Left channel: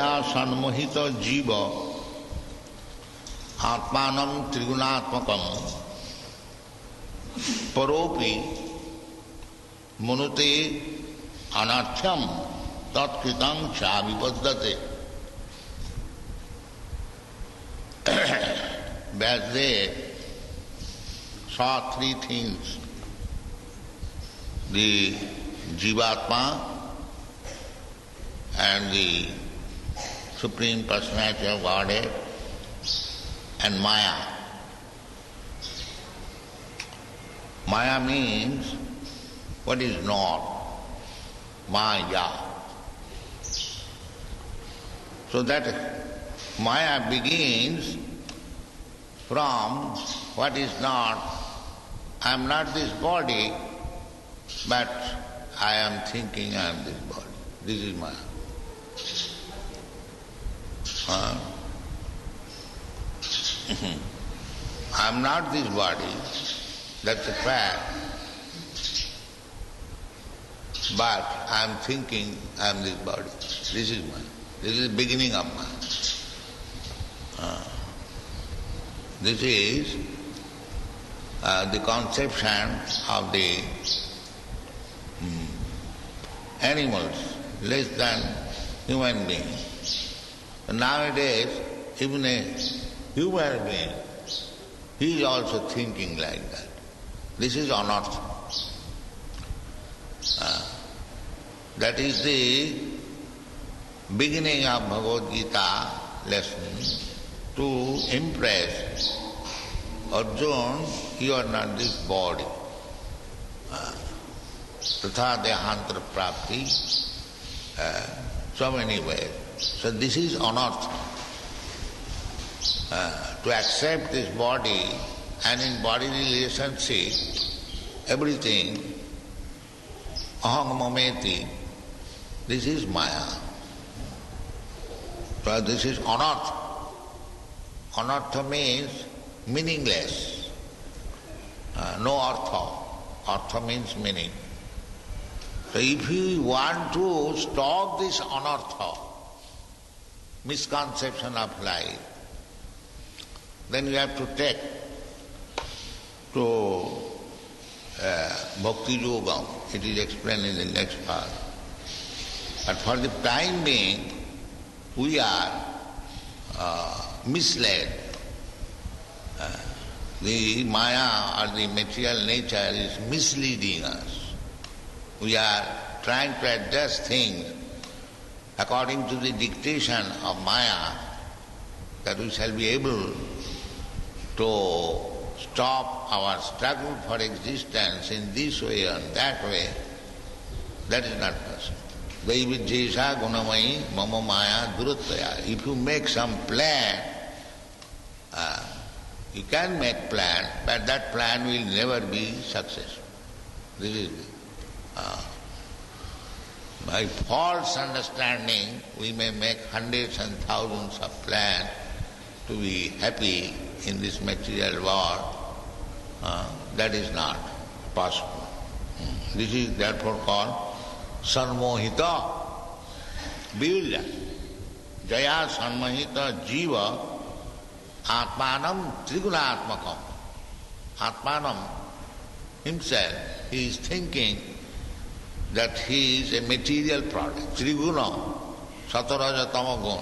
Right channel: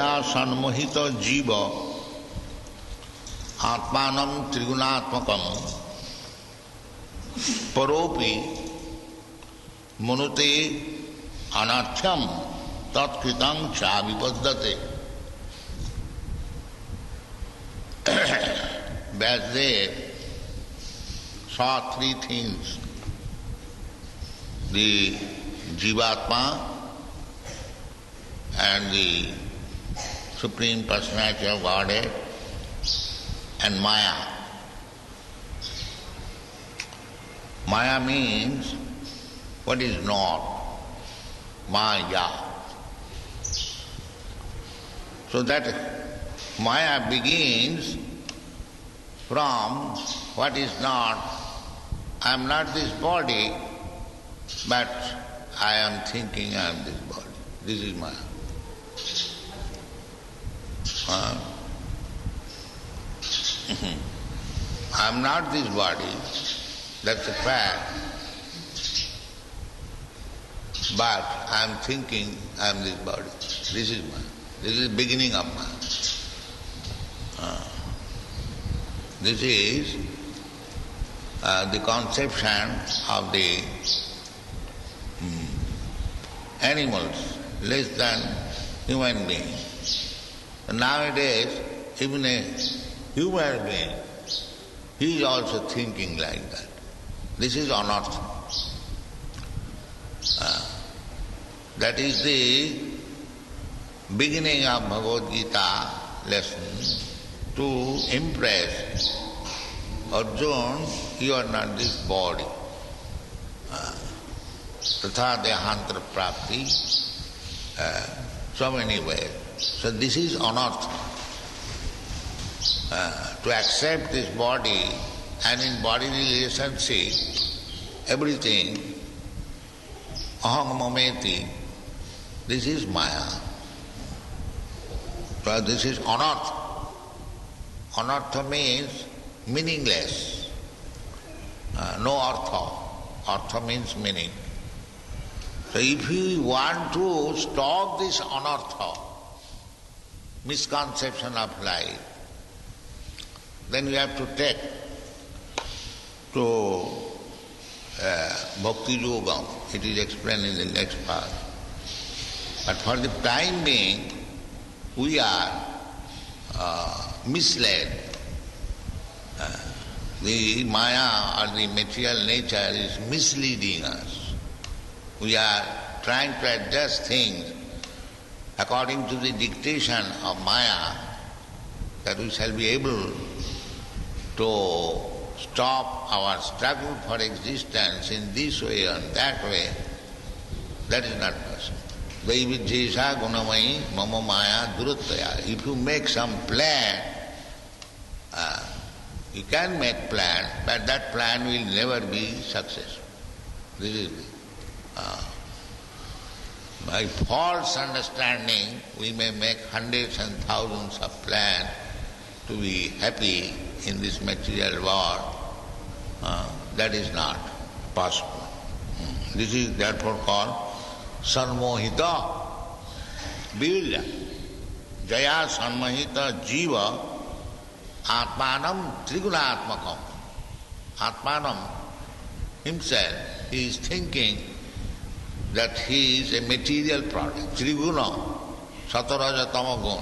Sanmohita jiva atmanam trigunaatmakam paropi manute anarthyam tatkritam cha vipaddate. Vyasadeva saw three things: the Jivatma and the Supreme Personality of Godhead and Maya. Maya means what is not, Maya. So that Maya begins from what is not. I am not this body, but I am thinking I am this body. This is Maya. I am not this body, that's a fact, but I am thinking I am this body. This is Maya. This is the beginning of Maya. This is the conception of the animals, less than human beings. Nowadays, even a human being, he is also thinking like that. This is anartha. That is the beginning of Bhagavad Gita lesson, to impress Arjuna, you are not this body. Tatha dehantara prapti, so many ways. So this is anartha. To accept this body and in bodily relationship, everything, aham mameti, this is Maya. So this is anartha. Anartha means meaningless. No artha. Artha means meaning. So if you want to stop this anartha, misconception of life, then you have to take to Bhaktiyoga. It is explained in the next part. But for the time being, we are misled. The Maya or the material nature is misleading us. We are trying to adjust things according to the dictation of Maya, that we shall be able to stop our struggle for existence in this way or that way. That is not possible. Vaividhesha gunamayi mama maya durattaya. If you make some plan, you can make plan, but that plan will never be successful. This is by false understanding, we may make hundreds and thousands of plans to be happy in this material world. That is not possible. This is therefore called Sanmohita Virya. Jaya Sanmohita Jiva Atmanam Trigunaatmakam. Atmanam himself, he is thinking that he is a material product. Triguna, Sataraja Tamagun.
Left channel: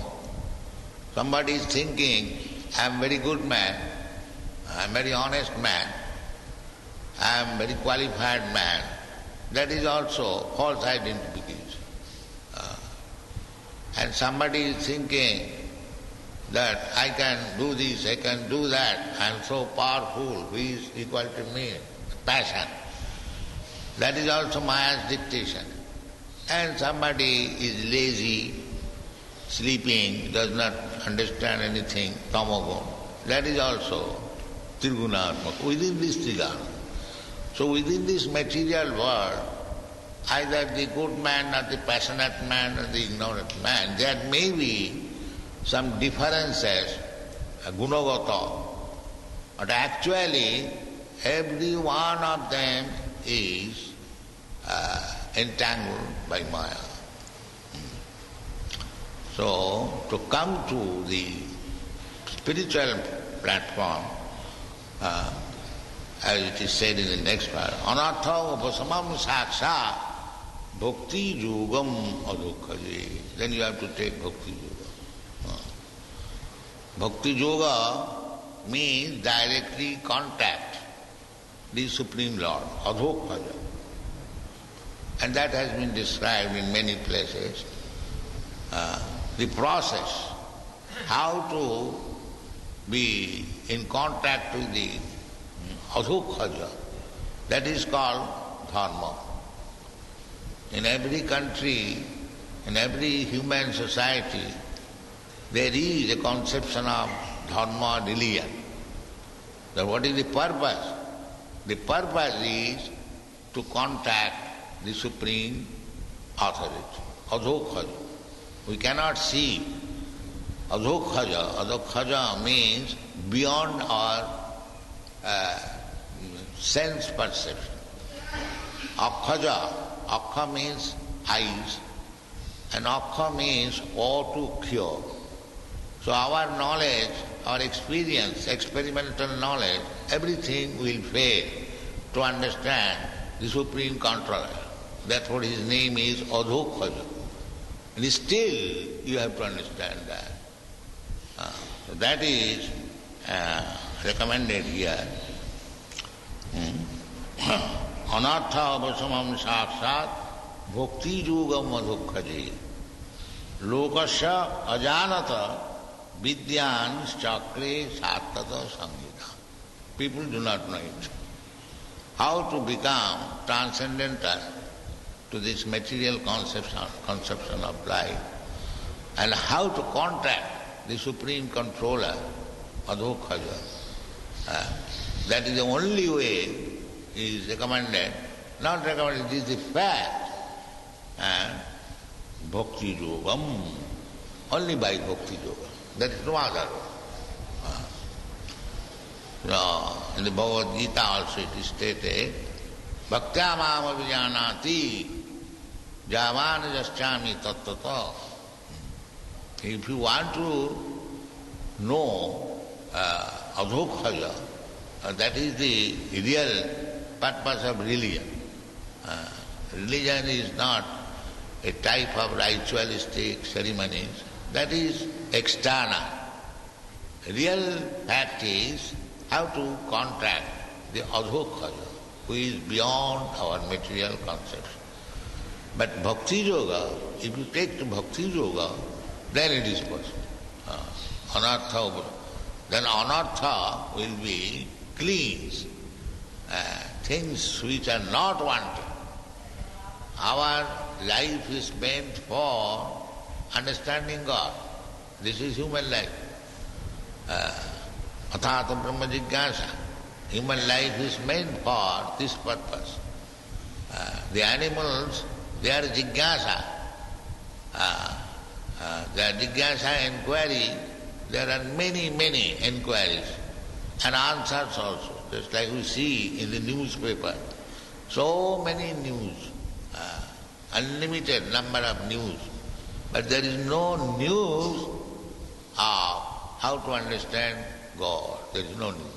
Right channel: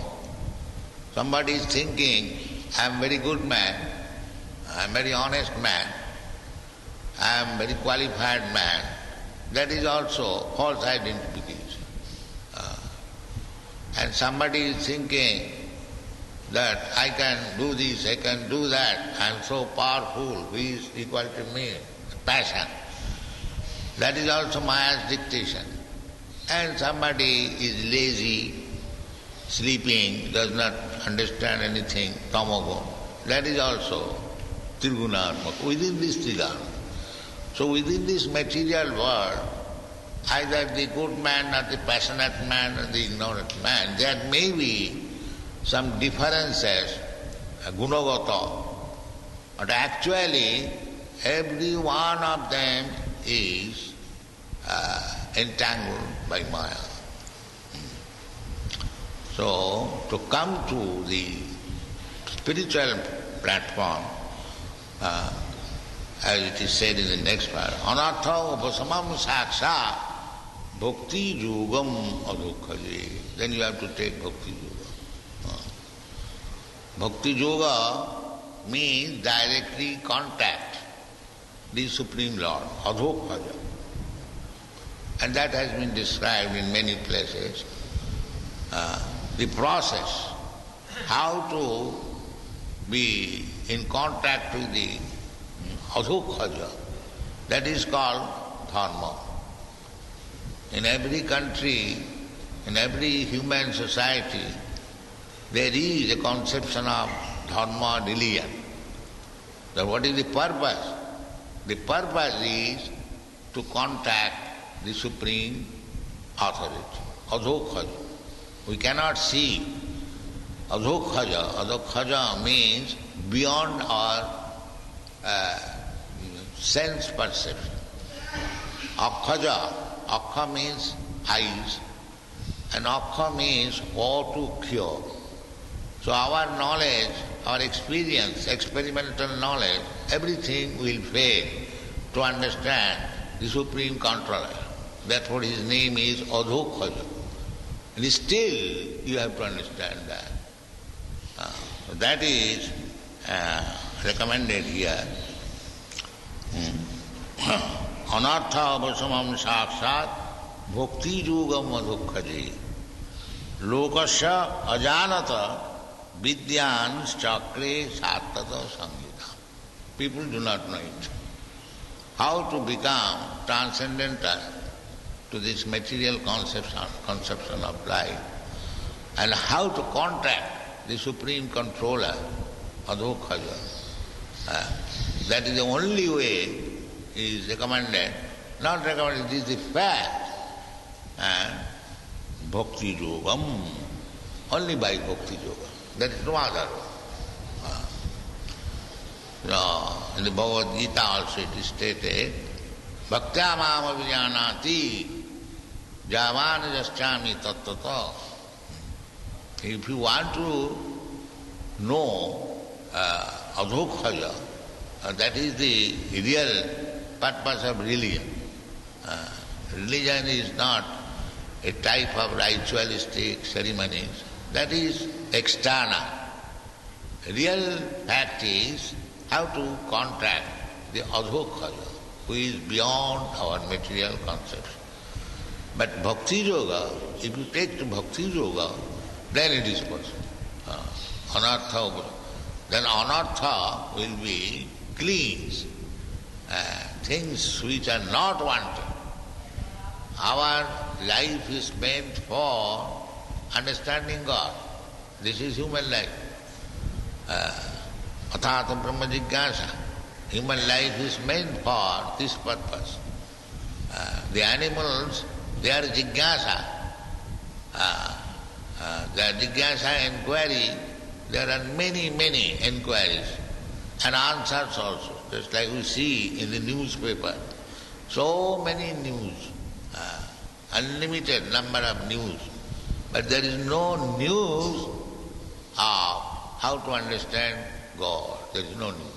Somebody is thinking, I am very good man, I am very honest man, I am very qualified man. That is also false identification. And somebody is thinking that I can do this, I can do that, I am so powerful, who is equal to me? Passion. That is also Maya's dictation. And somebody is lazy, sleeping, does not understand anything, tamagun. That is also Trigunaatmaka, within this Triguna. So within this material world, either the good man or the passionate man or the ignorant man, there may be some differences, gunagata, but actually every one of them is entangled by Maya. So, to come to the spiritual platform, as it is said in the next part, anartha upasamam saksha bhakti yogam adukhaji. Then you have to take bhakti yoga. Bhakti yoga means directly contact the Supreme Lord, adhokhaja. And that has been described in many places. The process, how to be in contact with the adhokhaja, that is called dharma. In every country, in every human society, there is a conception of dharma, religion. So what is the purpose? The purpose is to contact the Supreme Authority, adhokhaja. We cannot see adhokhaja. Adhokhaja means beyond our sense perception. Akhaja, akha means eyes, and akha means or to cure. So our knowledge, our experience, experimental knowledge, everything will fail to understand the Supreme Controller. That's what his name is, adhokhaja. And still you have to understand that. So that is recommended here. Anartha avasamam sakshat bhakti yogam adhokhaji lokasya ajanata vidyan chakre sattata samhita. People do not know it. How to become transcendental to this material conception of life, and how to contact the Supreme Controller, adhokhaja. That is the only way is recommended, not recommended, it is the fact. Bhakti yogam, only by bhakti yoga. There is no other way. In the Bhagavad Gita also it is stated, bhaktyamam avijanati javana jaschami tattata. If you want to know adhokhaja, that is the real purpose of religion. Religion is not a type of ritualistic ceremonies, that is external. Real fact is how to contact the adhokhaja, who is beyond our material conception. But bhakti yoga, if you take to bhakti yoga, then it is possible. Anartha, then anartha will be cleansed. Things which are not wanted. Our life is meant for understanding God. This is human life. Athata brahma jigyasa. Human life is meant for this purpose. The animals, they are jigyasa. The jigyasa inquiry, there are many, many inquiries and answers also. Just like we see in the newspaper. So many news, unlimited number of news. But there is no news of how to understand God. There is no news.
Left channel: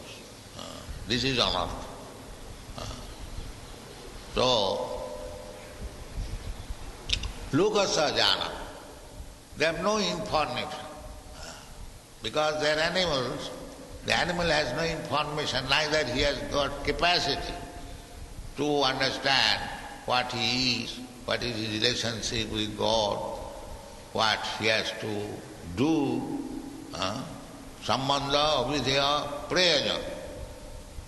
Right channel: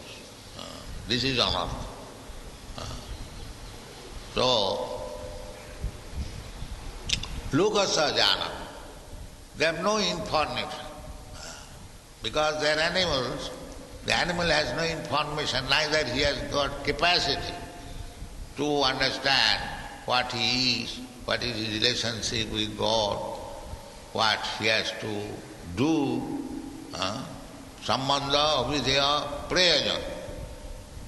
This is anartha. So, lokasya jnana, they have no information. Because they are animals, the animal has no information, neither he has got capacity to understand what he is, what is his relationship with God, what he has to do. Sambandha, avidya, prayojan.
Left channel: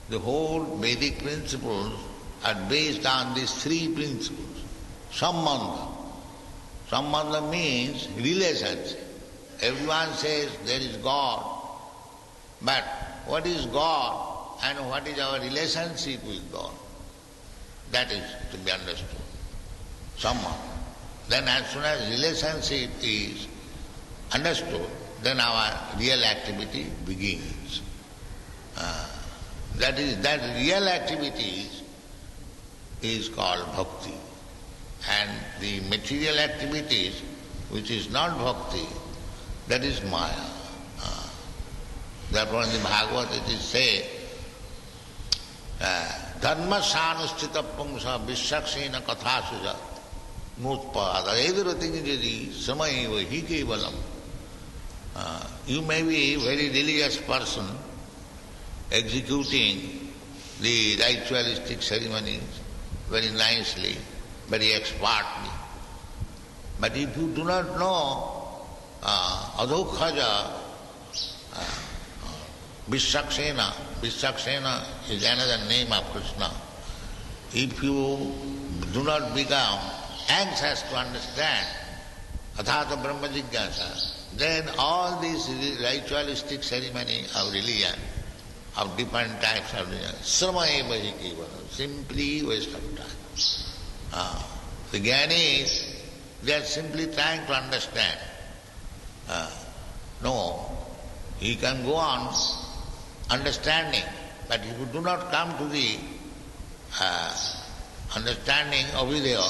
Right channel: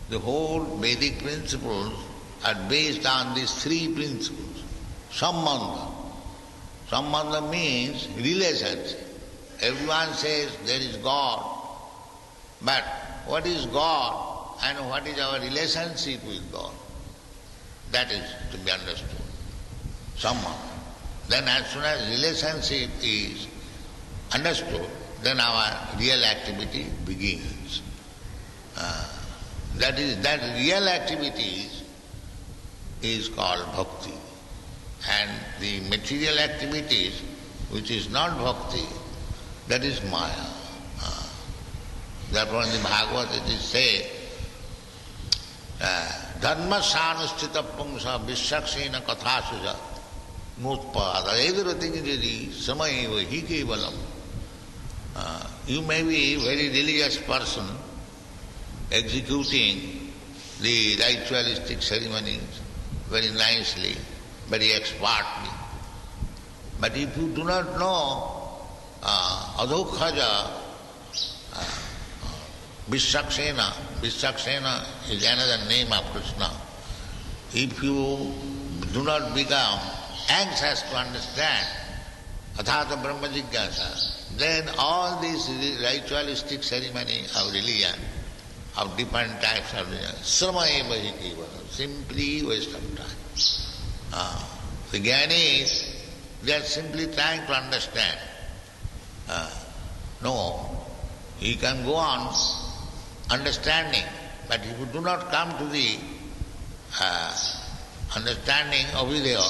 The whole Vedic principles are based on these three principles. Sambandha. Sambandha means relationship. Everyone says there is God, but what is God and what is our relationship with God? That is to be understood. Somehow. Then as soon as relationship is understood, then our real activity begins. That real activity is called bhakti. And the material activities, which is not bhakti, That is Maya. Therefore in the Bhagavad it is said, Dharma sanustita pungsa vissaksena kathasuja mutpada evirutingiri samayeva hi kevalam. You may be a very religious person executing the ritualistic ceremonies very nicely, very expertly. But if you do not know adhokhaja, Vissaksena is another name of Krishna. If you do not become anxious to understand Athata Brahma Jigyasa, then all these ritualistic ceremony of religion, of different types of religion, Sramaeva hi kevalam, simply waste of time. The Jnanis, they are simply trying to understand. No, you can go on understanding, but if you do not come to the understanding of Avidya,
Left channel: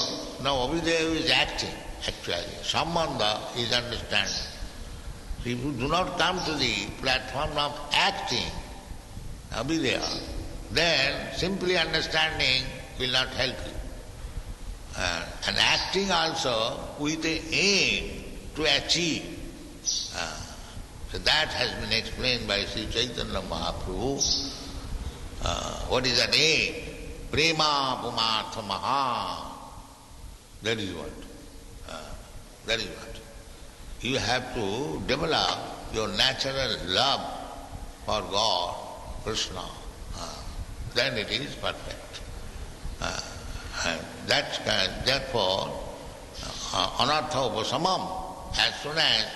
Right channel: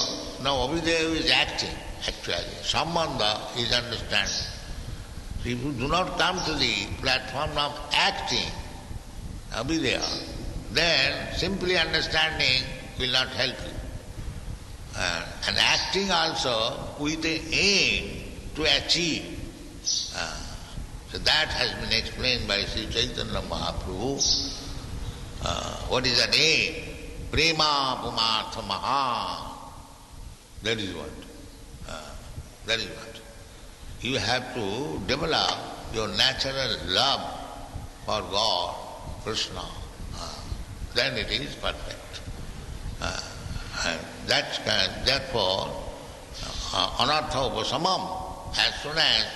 now Avidya is acting actually, Sambandha is understanding. If you do not come to the platform of acting, Avidya, then simply understanding will not help you. And acting also with the aim to achieve. So that has been explained by Sri Chaitanya Mahaprabhu. What is that aim? Prema pumartha maha. That is what. That is what. You have to develop your natural love for God, Krishna. Then it is perfect. Therefore, anartha upasamam, as soon as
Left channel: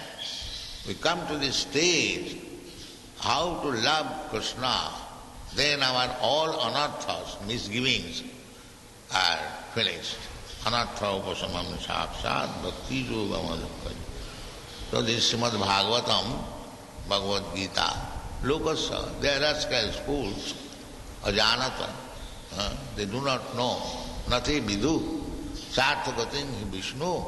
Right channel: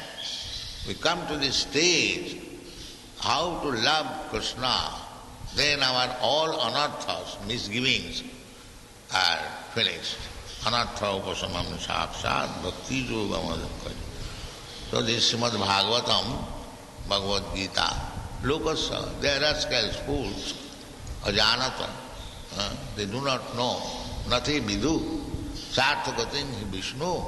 we come to this stage, how to love Krishna, then our all anarthas, misgivings, are finished. Anartha upasamam sakshat bhakti yoga. So this Srimad Bhagavatam, Bhagavad Gita, Lokasa, they are rascal fools, ajanata, they do not know, nati vidu, sarthakatin Vishnu.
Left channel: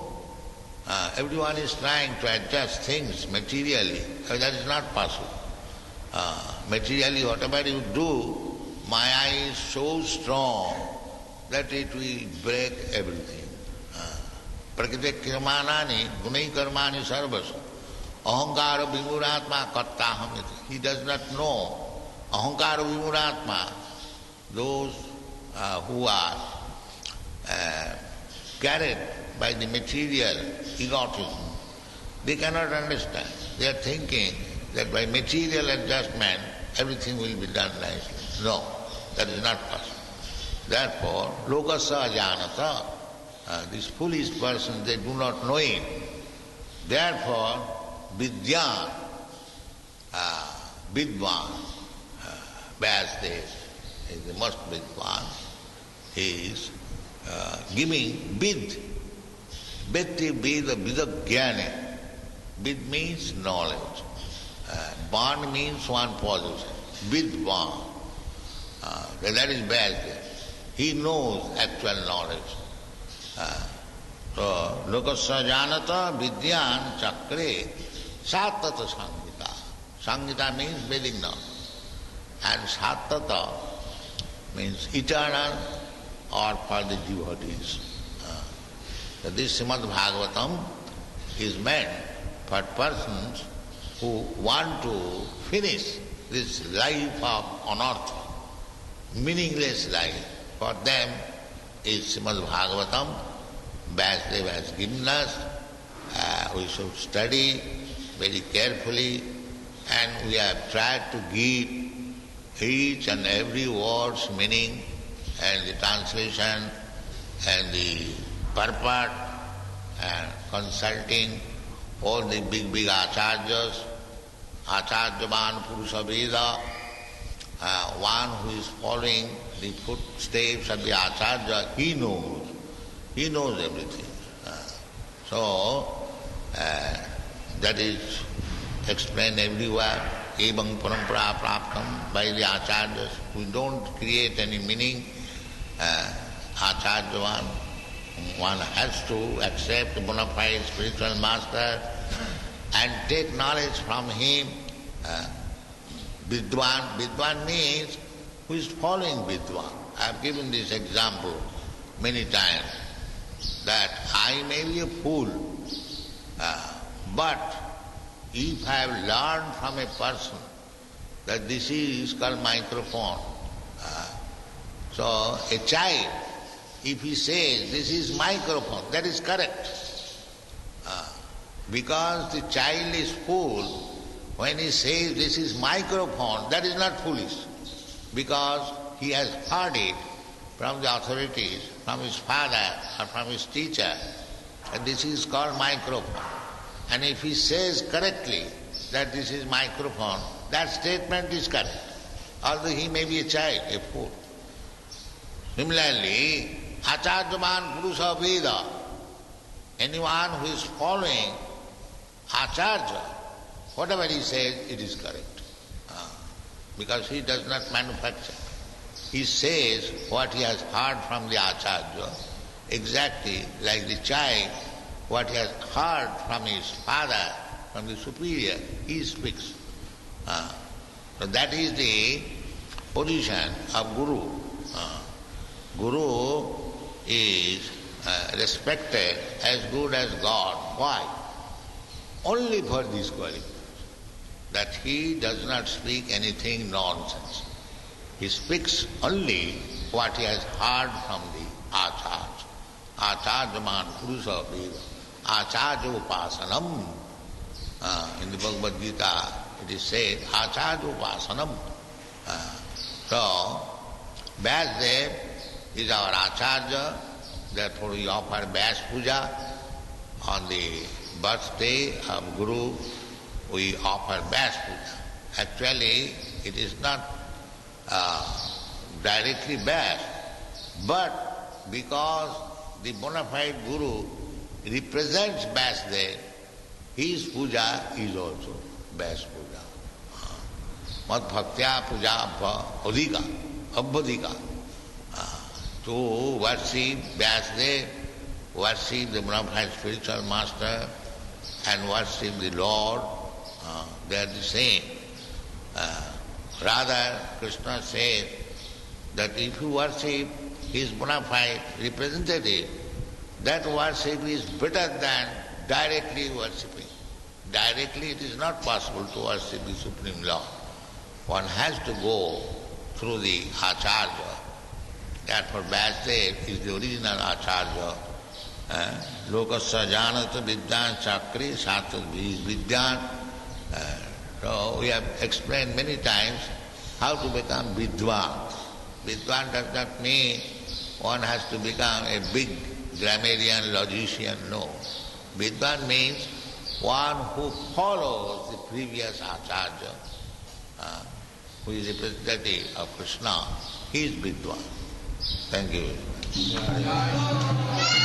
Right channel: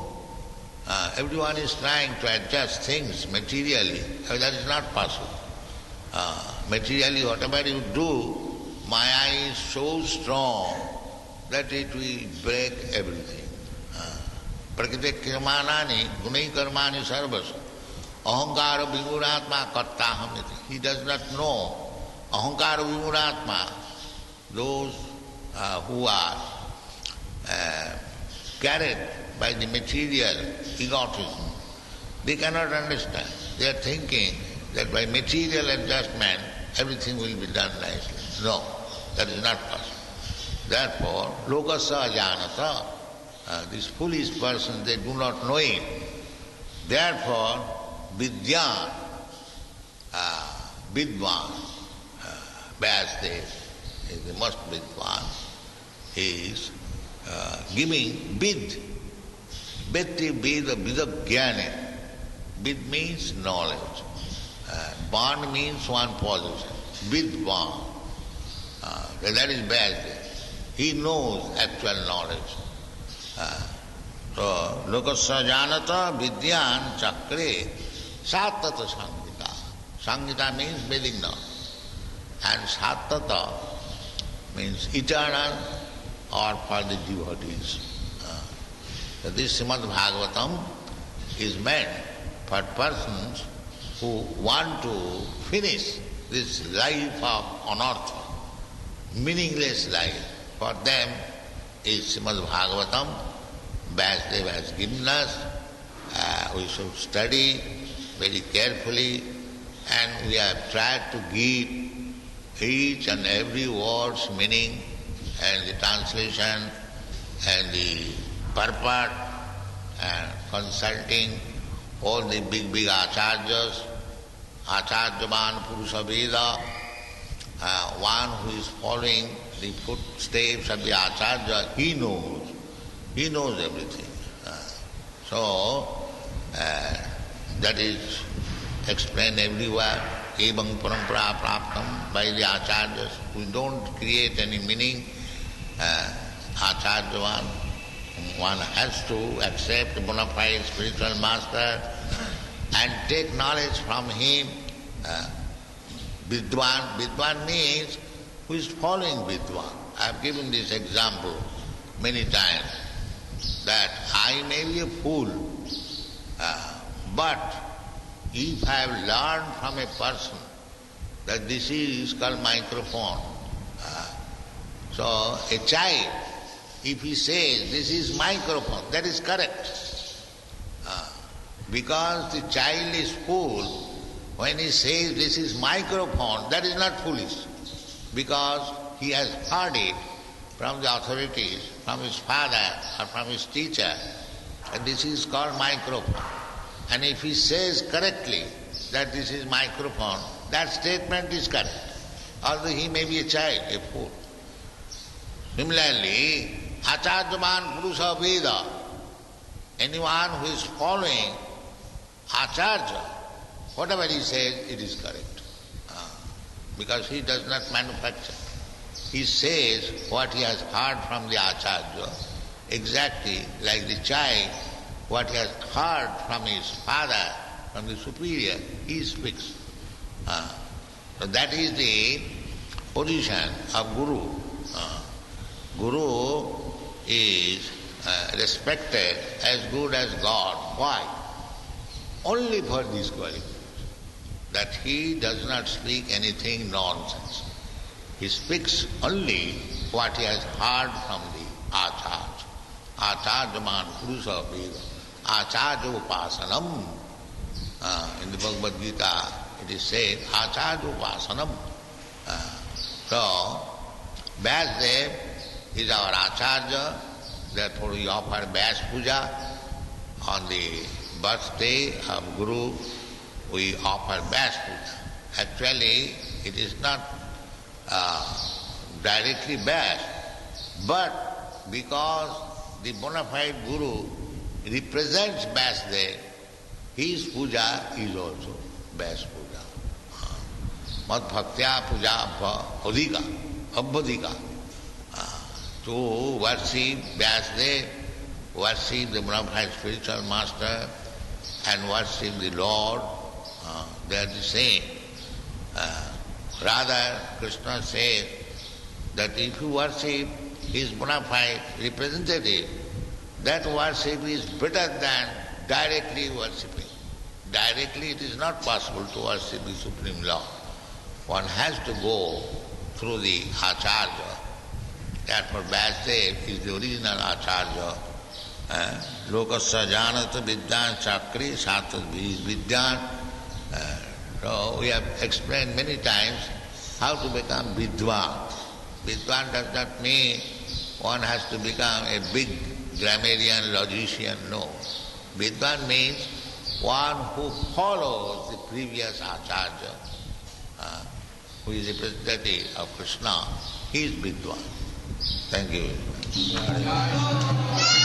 Everyone is trying to adjust things materially. That is not possible. Materially, whatever you do, Maya is so strong that it will break everything. Prakriti kirmanani gunai karmani sarvas ahankara vimuratma kattahamiti. He does not know ahankara vimuratma, those who are carried by the material egotism, they cannot understand. They are thinking that by material adjustment everything will be done nicely. No, that is not possible. Therefore, lokasa janata, these foolish persons, they do not know it. Therefore, vidyan, vidwan, Vyasdev is the most vidwan, is giving vid. Beti Veda Vidagyane. Vid means knowledge. Van means one position. Vidvan. That is bad. He knows actual knowledge. So, Lokasya Janata Vidyan Chakre Satata Sangita. Sangita means Vedic knowledge. And Satata means eternal or for the devotees. So this Srimad Bhagavatam is meant for persons who want to finish this life of anartha, meaningless life. For them is Srimad Bhagavatam. Vyasdev has given us. We should study very carefully, and we have tried to give each and every word's meaning and the translation and the purport, and consulting all the big acharyas, acharyavan purusha Veda, one who is following the footsteps of the acharya, he knows everything. So that is explained everywhere. Evam parampara praptam, by the acharyas. We don't create any meaning. Acharyavan, one has to accept bona fide spiritual master and take knowledge from him. Vidwan. Vidwan means who is following Vidwan. I have given this example many times, that I may be a fool, but if I have learned from a person that this is called microphone, so a child, if he says this is microphone, that is correct. Because the child is fool, when he says this is microphone, that is not foolish. Because he has heard it from the authorities, from his father or from his teacher, and this is called microphone. And if he says correctly that this is microphone, that statement is correct. Although he may be a child, a fool. Similarly, Acharyaman Purusa Veda, anyone who is following Acharya, whatever he says, it is correct. Because he does not manufacture. He says what he has heard from the Acharya, exactly like the child, what he has heard from his father, from the superior, he speaks. So that is the position of Guru. Guru is respected as good as God. Why? Only for this quality, that he does not speak anything nonsense. He speaks only what he has heard from the Acharya. Acharyaman Purusa Veda. Acharya Upasanam. In the Bhagavad Gita it is said, Acharya Upasanam. So, Vyasdev is our Acharya, therefore we offer Vyas Puja. On the birthday of Guru, we offer Vyas Puja. Actually, it is not directly Vyas, but because the bona fide Guru represents Vyasdev, his puja is also Vyas Puja. Mad bhaktya puja abhadika. To worship Vyasdev, worship the bona fide spiritual master, and worship the Lord, they are the same. Rather, Krishna says that if you worship his bona fide representative, that worship is better than directly worshipping. Directly it is not possible to worship the Supreme Lord. One has to go through the Acharya. Therefore, Vyasdev is the original Acharya. Lokasya janata vidyan chakri satat vidyan. So we have explained many times how to become Vidwan. Vidwan does not mean one has to become a big grammarian, logician, no. Vidwan means one who follows the previous Acharya, who is representative of Krishna. He is Vidwan. Thank you very much.